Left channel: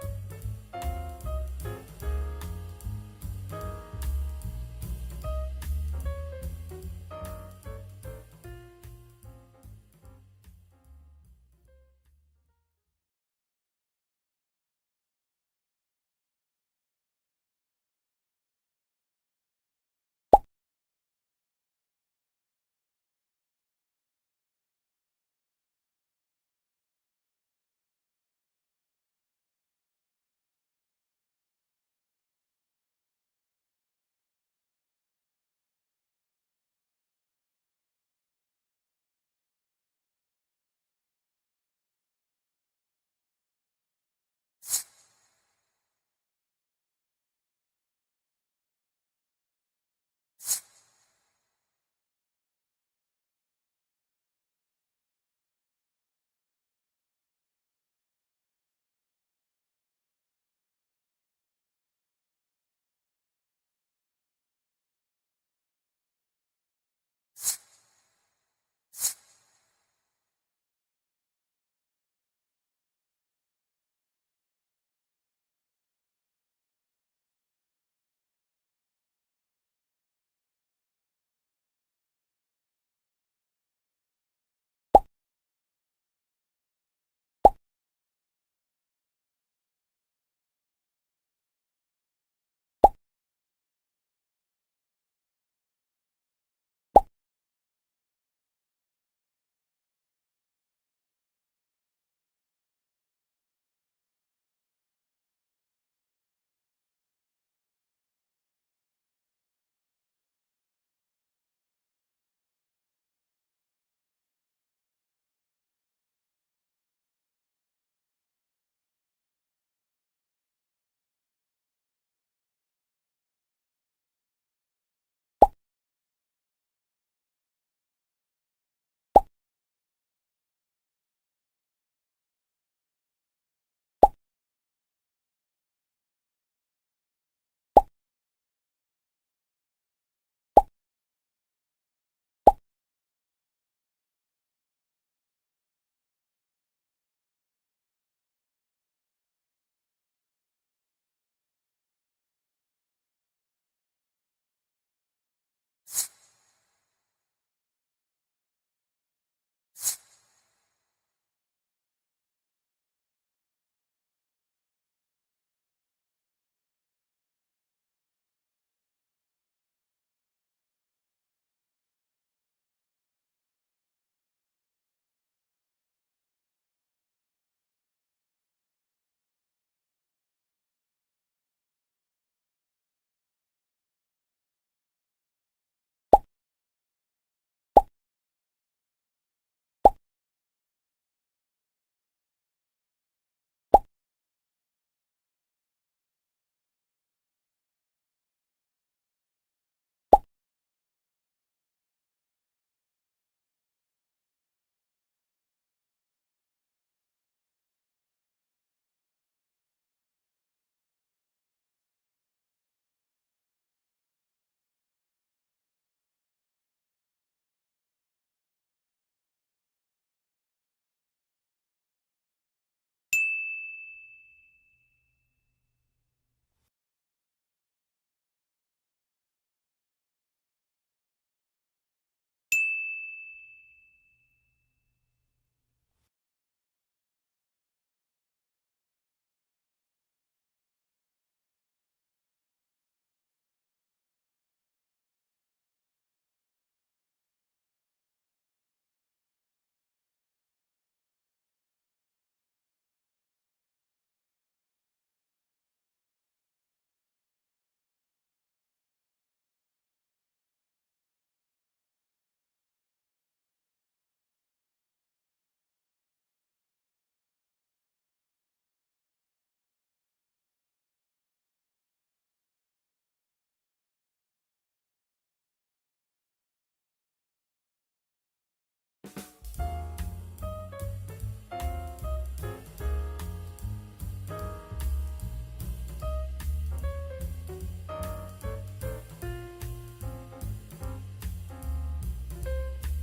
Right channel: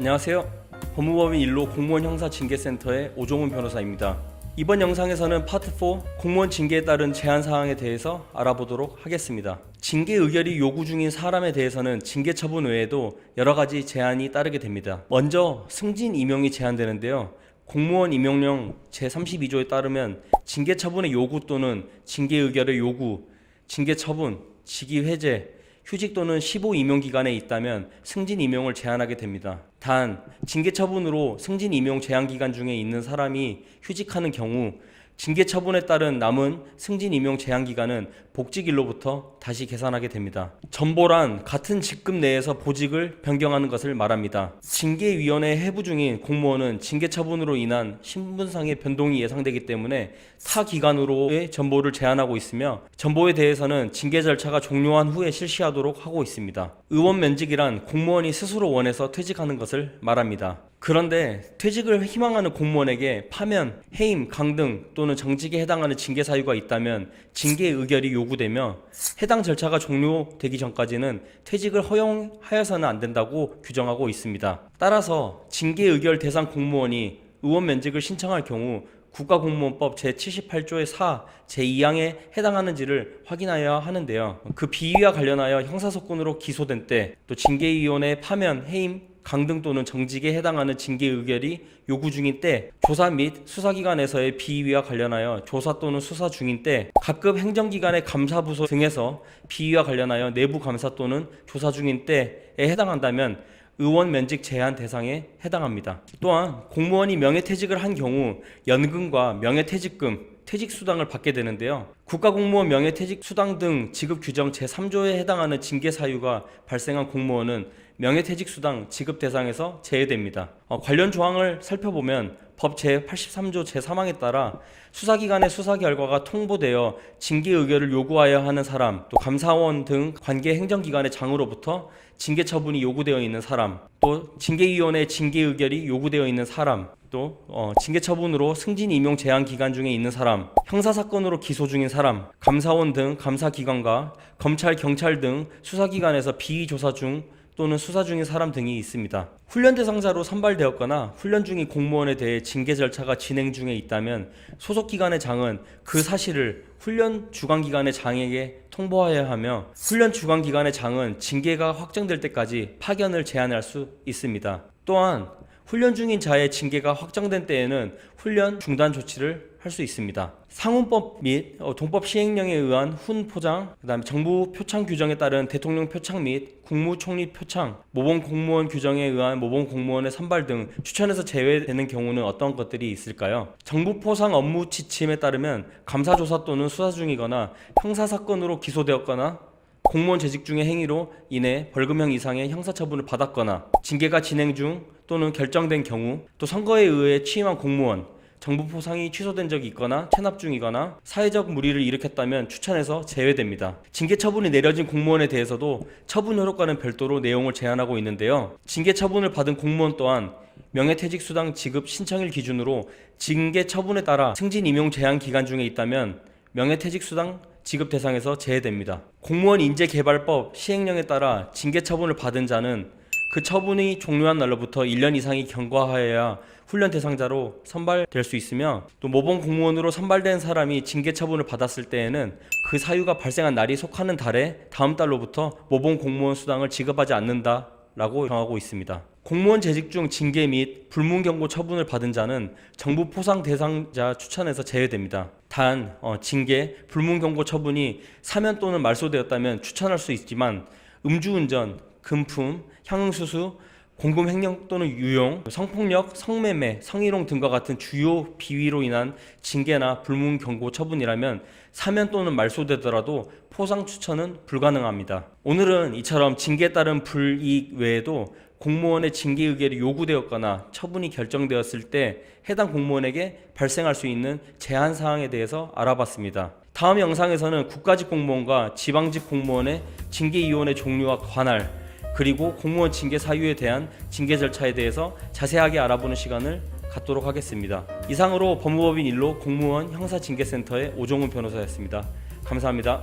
안녕하세요. 법무법인 일로 공무원 형사징계센터의 오종훈 변호사입니다. 이번 영상에서는 파트 4 공무원 징계에 따른 제한사항에 대해서 알아보도록 하겠습니다. 징계 의결이 요구 중인 사람에 대해서는 징계 처분 외에도 여러가지 제한이 따르게 됩니다. 먼저 승진 임용이 제한되는데요. 공무원 임용령 제32조에 따르면 징계 처분의 요구 또는 징계 의결의 요구, 징계 처분, 직위 해제, 휴직 또는 15 임용 기간에 있다면 승진 임용을 제한하게 됩니다. 단 징계 처분으로 승진 임용 제한 기간 중에 있는 사람이 휴직하는 경우 징계 처분에 따른 남은 승진 임용 제한 기간은 복직일로부터 다시 계산하게 됩니다. 전보란 같은 직급 내에서 보직을 변경하는 것을 말합니다. 징계위원회 해부 중인 공무원은 징계 처분으로 인한 신분상의 변동이 예상되기 때문에 타 기관으로의 전보를 제한하고 있으며 전보에 대해서는 징계 절차가 종료한 후에 실시하도록 하고 있습니다. 의원 면직이란 공무원이 스스로 원해서 퇴직하는 것을 말합니다. 그런데 퇴직을 희망하는 공무원에게 파면, 해임, 강등 또는 정직에 해당하는 징계 사유가 있다면 징계 의결이 요구되며 해당 절차가 종료되기 전까지는 퇴직을 허용하여서는 안 된다고 규정하고 있습니다. 따라서 징계 의결 대상 공무원이 의원 면직을 신청할 경우 국가공무원법 제78조의 4, 제2항에 해당하는지를 확인하여야 하는데요. 그 비위와 관련하여 형사사건으로 기소된 때, 또 징계위원회 파면, 해임, 강등 또는 정직에 해당하는 징계 의결이 요구 중인 때, 조사 및 수사기관에서의 비위와 관련하여 조사 또는 수사 중인 때, 각급 행정기관의 감사부서 등에서 비위와 관련하여 내부 감사 또는 조사 중인 때에 해당한다면 의원 면직 제한 대상에 해당합니다. 또한 공무원이 명예퇴직을 한 경우 연금과 명예퇴직금, 퇴직수당을 받게 되는데요. 국가공무원 명예퇴직수당 등 지급 규정 제3조에 해당하는 징계 사유가 발생한 공무원은 명예퇴직수당 지급 대상에서 제외됩니다. 관련 조항을 살펴보면 법 제83조 제3항에 따라 수사기관의 수사 결과가 통보되어 징계 의결을 요구하여야 하는 사람, 또 감사원 등 관계 행정기관의 장으로부터 징계 처분이 요구되어 있는 사람, 또 징계위원회 징계 의결이 요구되어 있는 사람, 또 징계 처분으로 승진 임용 제한 기간 중에 있는 사람, 형사사건으로 기소 중인 사람, 감사원 등 감사기관과 검찰, 경찰 등 수사기관에서 비위 조사 중 또는 수사 중인 사람 등이 있습니다. 훈련 대상자로 선발되었거나 훈련 중인 공무원에 대해 징계 절차가 진행 중에 있다면 소속기관의 장은 그 사실을 훈련 주관기관의 장에게 통보하여야 하며 훈련 주관기관의 장은 징계가 확정될 때까지 파견을 제한할 수 있습니다. 또한 훈련 중인 자의 징계가 확정된 때에는 훈련 중단 조치를 할 수 있습니다. 상훈법 및 동법 시행령에 의한 훈 포장, 그다음에 정부 표창 규정에 따른 대통령 표창 및 국무총리 표창, 모범 공무원 규정에 의한 모범 공무원의 선발 등 추천에서 제외되는 경우는 어떤 것들이 있을까요? 정부 포상 업무 지침에 따르면 감사 조사 또는 수사 중이거나 형사 사건으로 기소되었거나 공무원 재직 중의 행위로 인해 벌금형 이상의 형사처분을 받았거나 징계가 진행 중 또는 결정된 경우, 또 선거에 의해 취임한 공무원, 정부 포상이 취소된 적이 있거나 체납 중이거나 사회적 물의를 일으켰다면 추천에서 제외됩니다. 징계 처분이 내려진 공무원에 대해서도 처분 효력과는 별도로 내용을 제한하고 있는데요. 징계 처분을 받은 공무원 또한 명예퇴직수당 지급 신청일 기준으로 징계 처분에 따라 승진 임용 제한 기간 중에 있다면 명예퇴직수당 지급 대상에서 제외됩니다. 공무원 인재개발법 시행령에 따라 징계 처분을 받은 자는 그 처분이 종료한 날로부터 1년 이상이 경과하여야 훈련 대상자로 선발될 수 있으며, 또 모범 공무원으로 선발된 사람이 징계 처분을 받았을 때에는 그 사유가 발생한 날이 속하는 달에 다음 달로부터 모범 공무원 수당을 지급하지 않는다라고 정하고 있습니다. 공무원 재직 중 징계 및 불문 경고 처분을 받은 자는 정부 포상 대상자 추천에서 제외됩니다. 단 징계, 불문 경고 처분이 사면 또는 말소되었다면 추천할 수 있지만 음주운전, 금품, 향응수수, 공금횡령 또는 유용, 성폭력, 성매매, 성희롱 등과 같은 주요 비위로 인한 징계나 불문 경고 처분이라면 사면 또는 말소되더라도 포상 추천은 불가능합니다. 오늘은 이처럼 징계에 따른 불이익 외에도 공무원의 징계 의결이 요구되었거나 처분이 결정되었을 때 해당 공무원에게 발생할 수 있는 제한 사항에 대해서 알아봤습니다. 다음 영상에서는 국가직 공무원과 지방직 공무원의 징계위원회 종류와 관할, 그리고 공무원 징계 사유에 대한 징계 절차에 대해서 자세하게 알아보는 시간을 갖도록 하겠습니다. 이상으로 법무법인 일로 공무원 형사징계센터의 오종훈 변호사였습니다. 감사합니다.